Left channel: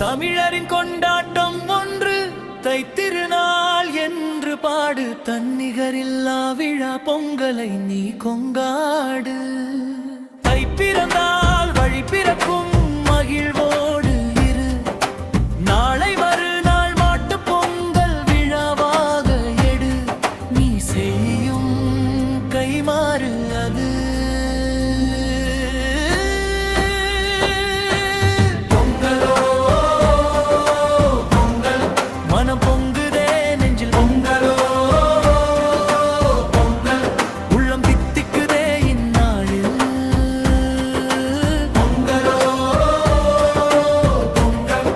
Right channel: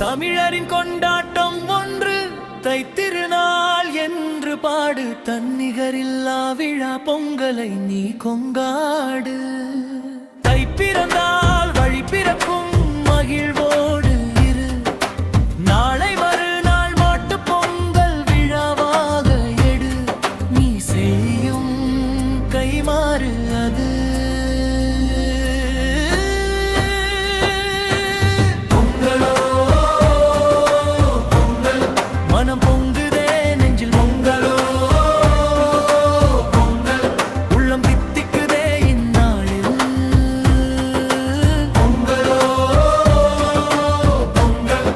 தமிழரின் கொண்டாட்டம் ஒன்று தைத்திருநாள் என்று பாடு. தன்னிகரில்லா விழா பொங்கலை நீ கொண்டாடு. தை பிறந்தால் வழி பிறக்கும் மகிழ்வோடு இரு. நாளை மறுநாள் மாட்டு பொங்கல் விழாவாக எடு. நீ செய்யும் கைமாறு அது. மனம் பொங்குதே நெஞ்சில் பொங்கலோ பொங்கல். உள்ளம் தித்திக்குதே இந்நாளில் பொங்கலோ பொங்கல்.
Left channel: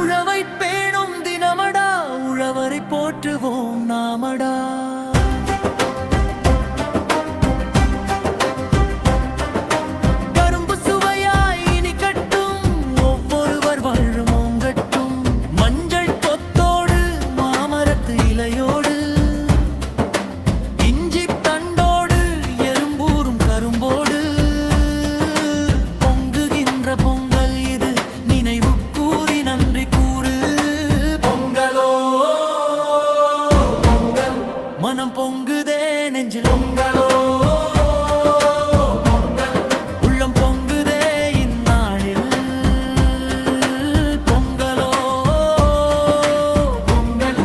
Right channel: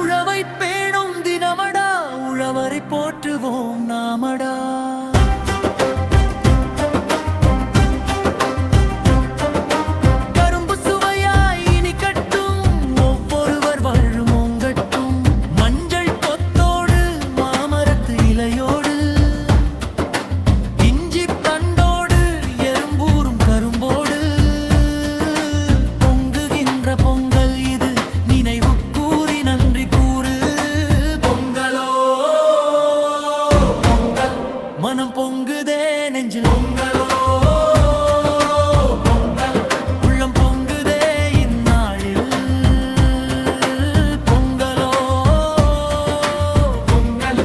உழவை பேணும் தினமடா, உழவரை போற்றுவோம் நாமடா. கரும்பு சுவையாய் இனிக்கட்டும், ஒவ்வொருவர் வாழும் ஓங்கட்டும். மஞ்சள் கொத்தோடு மாமரத்து இலையோடு, இஞ்சி தண்டோடு எறும்பூரும் கரும்போடு. பொங்குகின்ற பொங்கல் இது, நினைவு கூறி நன்றி கூறு. பொங்கலோ பொங்கல். மனம் பொங்குதே நெஞ்சில் பொங்கலோ பொங்கல். உள்ளம் பொங்குதே இந்நாளில் பொங்கலோ பொங்கல்.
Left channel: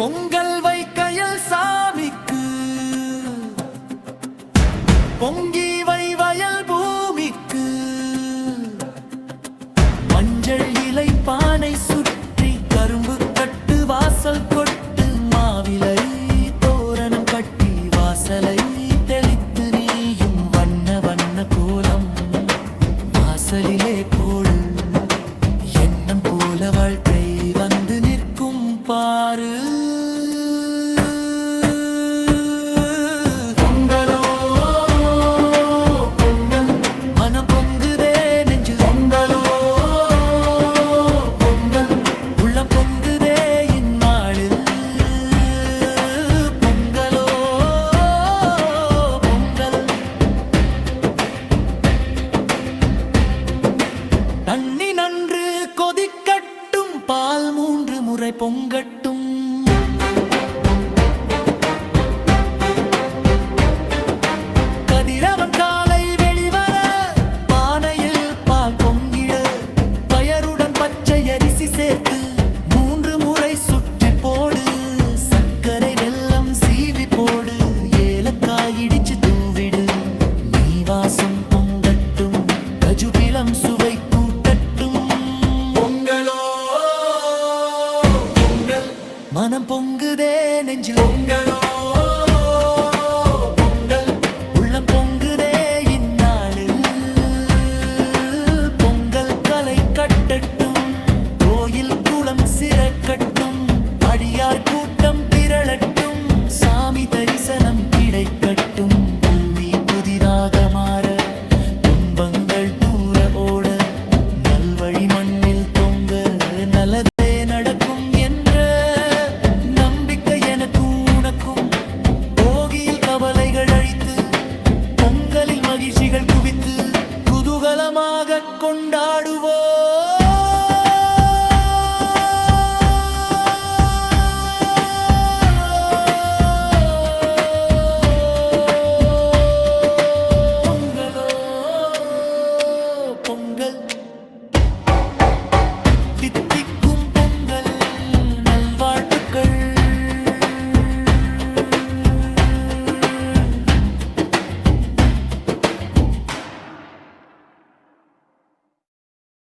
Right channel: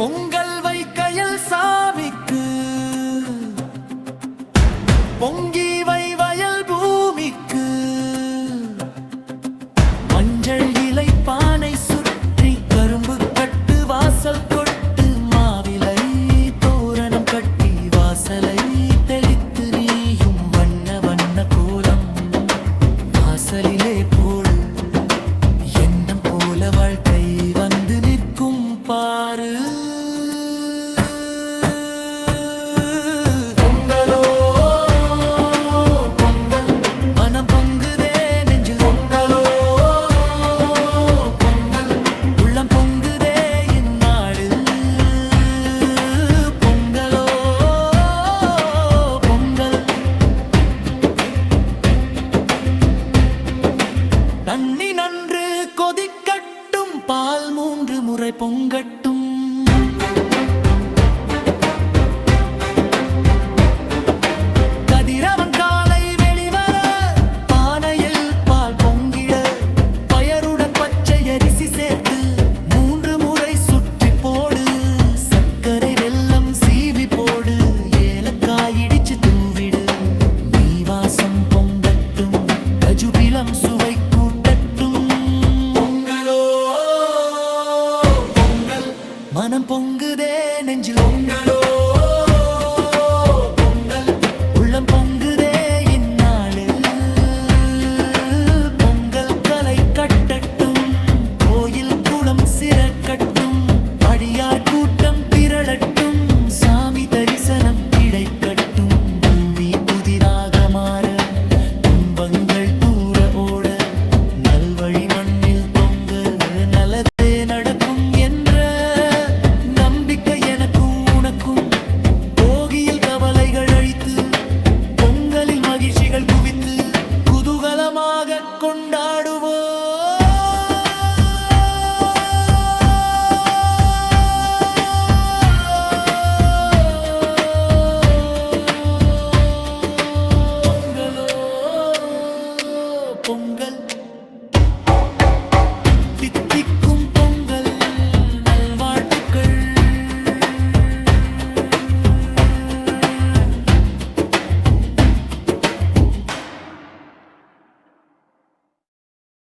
பொங்கல் வைக்கையில் சாமிக்கு, பொங்கி வை வயல் பூமிக்கு. மஞ்சள் இலை பானை சுற்றி, கரும்பு கட்டு வாசல் கொட்டு. மாவிலை தோரணம் கட்டி, வாசலை தெளித்து நீயும் வண்ண வண்ண கோலம் வாசலிலே போடு. எண்ணம் போல வாழ்க்கை வந்து நிற்கும் பாரு. பொங்கலோ பொங்கல். மனம் பொங்குதே நெஞ்சில் பொங்கலோ பொங்கல். உள்ளம் பொங்குதே இந்நாளில் பொங்கலோ பொங்கல். தண்ணி நன்று கொதிக்கட்டும், பால் 3 முறை பொங்கட்டும். கதிரவன் காலை வெளிவர, பானையில் பால் பொங்கிட. பயருடன் பச்சை அரிசி சேர்த்து 3 முறை சுற்றி போடு. சர்க்கரை வெல்லம் சீவி போடு, ஏலக்காய் இடிச்சு தூவிடு. நீ வாசம் பொங்கட்டும், கஜுபிலம் சுவை கூட்டட்டும். பொங்கலோ பொங்கல். மனம் பொங்குதே நெஞ்சில் பொங்கலோ பொங்கல். உள்ளம் பொங்குதே இந்நாளில் பொங்கல். கலை கட்டட்டும், கோயில் குளம் சிறக்கட்டும். அடியார் கூட்டம் திரளட்டும், சாமி தரிசனம் கிடைக்கட்டும். பூமி புதிதாக மாற, துன்பங்கள் தூர ஓட. நல்வழி மண்ணில் தொங்க, நல்லதே நடக்கும் என்ற நம்பிக்கை எனக்கும் உனக்கும். போகியில் கவலைகள் அழித்து, பொங்கலில் மகிழ்ச்சிகள் குவித்து, குதூகலமாக கொண்டாடுவோம். பொங்கல். தித்திக்